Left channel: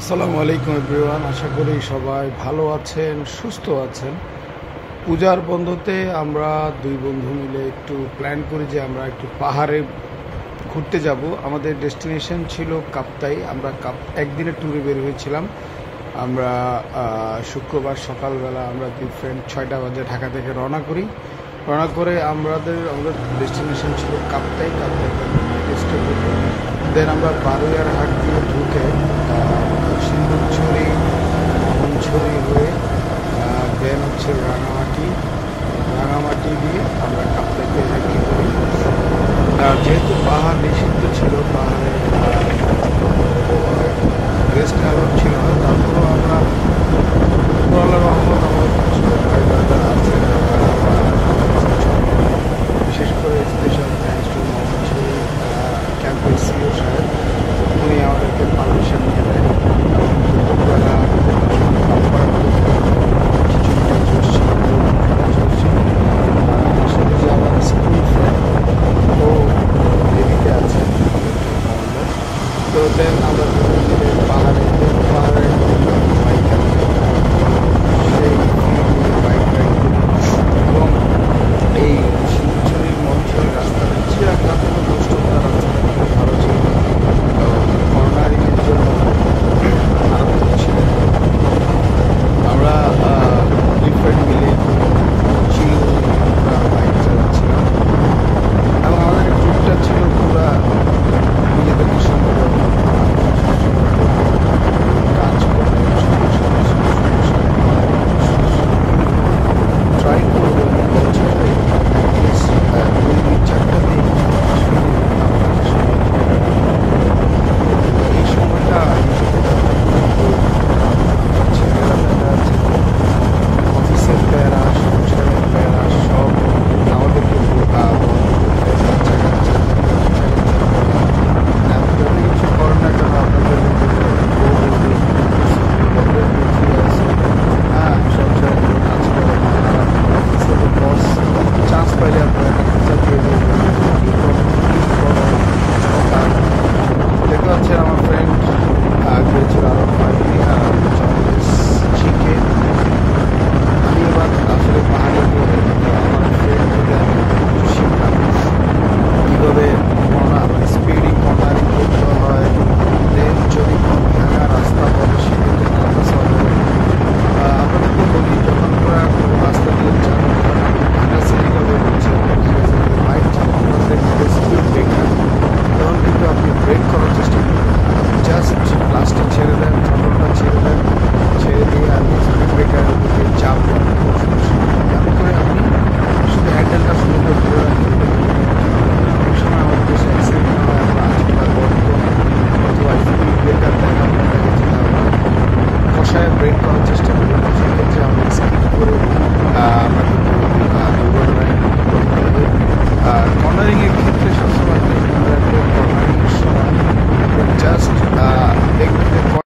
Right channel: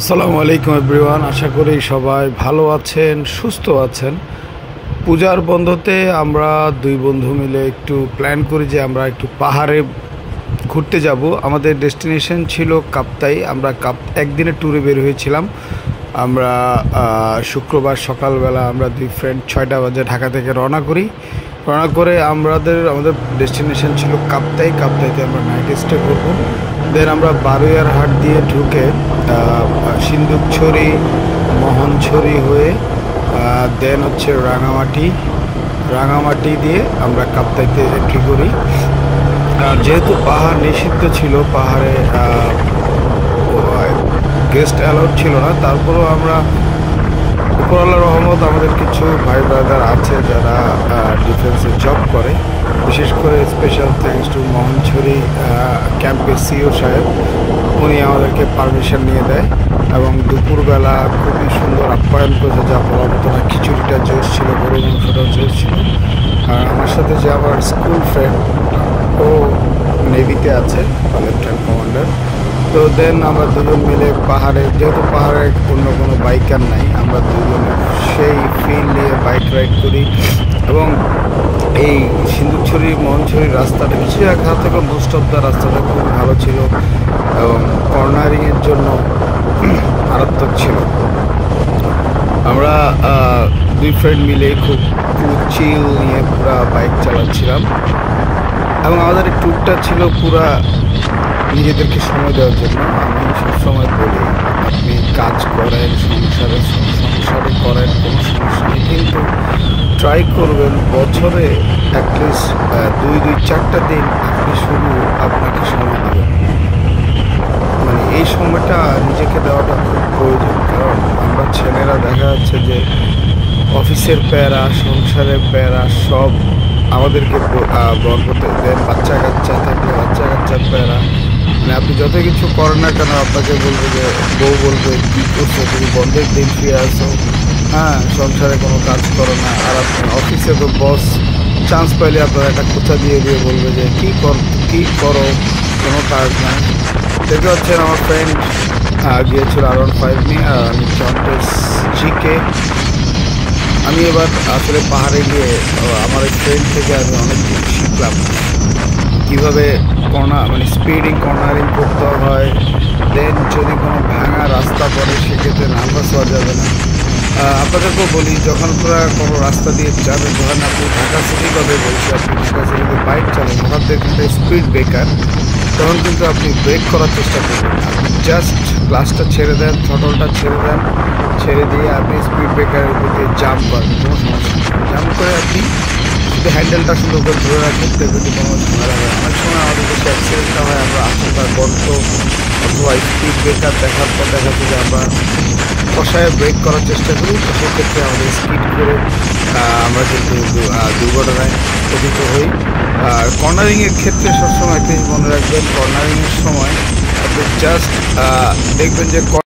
আসসালামু আলাইকুম এভরিওয়ান, আশা করি সবাই ভালো আছেন, সুস্থ আছেন। পূজার বন্ধতে আমরা দুই বন্ধু মিলে একটু প্ল্যান করি যে আমরা একটু পাহাড়ে ঘুরতে যাব। আমাদের ডেস্টিনেশন ছিল কাপ্তাই। আমরা একদিনের ট্যুরে বের হয়েছিলাম। আমরা শুক্রবার সকালবেলা আমরা দুই ফ্রেন্ড 6টা বাজে ঢাকা থেকে রওনা করি। রওনা করে আমাদের ডেস্টিনেশন ছিল কাপ্তাই। কাপ্তাইতে আমরা নাইট স্টে করবো। দেন আমরা বারুইয়ার হাট দিয়ে ঢুকে সিন্দুকছড়ি, মোহনছড়ি হয়ে দেন হচ্ছে রাঙামাটি দিয়ে আমরা কাপ্তাইতে এন্ট্রি করি। যেহেতু পাহাড় নিষিদ্ধ ছিল, পাহাড়ে গেস্ট অ্যালাউড ছিল না, তারপরেও আমরা উপরওয়ালার রহমত আমাদের কিছু ভাই ব্রাদার আছে যারা ডিফেন্সে জব করে, বিশেষ করে স্পেশাল থ্যাঙ্কস টু মোহনছড়ি ক্যাম্পের সিও সাহেব। উনি আমাদেরকে পারমিশন নিয়ে দেয় এবং দুপুরবেলা খুবই সুন্দর আপ্যায়ন করে যা বলার মতো না। খিচুড়িটা জোর ছিল, গরু মাংসটা জোর ছিল। আর আমার সাথে যে আমার স্কুল ফ্রেন্ড, ও নেভিতে আছে, লেফটেন্যান্ট কমান্ডার। তো দেন আমরা দুজন মিলে পাহাড়ে, যেহেতু পাহাড়ে কিংবা কোনো বাইকার নেই, আমরা দুজনে সেই ফিল নিয়ে বাইক রাইড করি। এবং এই সিন্দুকছড়ি মোহনছড়ির রাস্তাটা চিড়িয়াখানা থেকে মোস্ট অফ দ্য রাস্তাটা খুবই ভালো ছিল এবং কর্নারিংয়ের জন্য মারাত্মক ছিল। আমরা দুই ফ্রেন্ড মিলে খুব চিল নিয়ে পুরা বাইক চালাচ্ছিলাম এবং আমাদের ট্যুরটা ছিল পুরা নিজেদেরকে সময় দেওয়ার জন্য। আমি সবসময় বলি, আপনি কাজ করেন, সংসারে করেন, কোনো সমস্যা নেই, কিন্তু ট্রাই করবেন বছরে অ্যাটলিস্ট 2-4টা দিন শুধু আপনাকে সময় দেবেন। মানে এই সময়টা নিজেকে দেওয়াটা খুব প্রয়োজন। কারণ আমরা ছেলেরা দেখা যাচ্ছে যে অফিসের প্যারা, সংসারের প্যারা সব আমাদেরকে বহন করতে দেন। বাচ্চা কাচ্চা থাকলে বাচ্চা কাচ্চার প্যারা, মানে আপনি যত কিছু করেন না কেন আপনাকে বলবে যে বউ বলবে কী করছো তুমি, বন্ধের দিন ফিরে আসো, হ্যাঁ সংসারে কোনো কাজ করো না। আর আপনি অফিসে তো বস চান্স পাইলে আপনার একটা খোঁচা দিয়ে বলবে যে কী করো, কোনো কাজ নাই। দেখতে পাচ্ছেন আমার ফ্রেন্ড গিয়েছিল R15 নিয়ে জিকে। আমি এবার আসলে পাহাড়ে গিয়ে আমার ট্রেন থেকে আমি অনেক কিছু শিখলাম, কীভাবে স্পিডিং কর্নারিং করতে হয়। দেন যদি কোনো ভাঙা রাস্তা পড়ে সেক্ষেত্রে নার্ভাস হওয়া যাবে না। আপনাদেরকেও বলি, যখন পুরো কোনো রাস্তা দিয়ে যাবেন, যখন আপনি ঢাকা সিটি কথা বলছি, আপনি ঢাকা সিটিতে বাইক চালান, ওখান থেকে স্পিড ব্রেকার, তখন কিন্তু আপনি ব্রেক করার চেষ্টা করবেন না। আপনি জাস্ট ক্লাসটা ছেড়ে দেন, থটলটা ছেড়ে দেন, ছেড়ে দিয়ে আপনি স্পিড ব্রেকারের উপর দিয়ে জাম্প করেন। জাম্প করে আপনি যদি হ্যান্ডেলটা সুন্দর করে ধরে রাখেন, কিন্তু কোনো ঝামেলা হয়। অনেক সময় আমাদের দেশে অ্যাক্সিডেন্টটা হয়, আমরা রাস্তার গর্ত অথবা স্পিড ব্রেকার দেখাতে যে আমরা কষায় ব্রেক করার চেষ্টা করি, তো সেক্ষেত্রে আমাদের স্পিড করে আমরা কিন্তু দুর্ঘটনায় পতিত হই। আর কর্নারিংয়ের ক্ষেত্রে সবসময় আপনি মনে রাখবেন, কর্নারিংয়ের সময় আপনি জাস্ট দেখবেন যে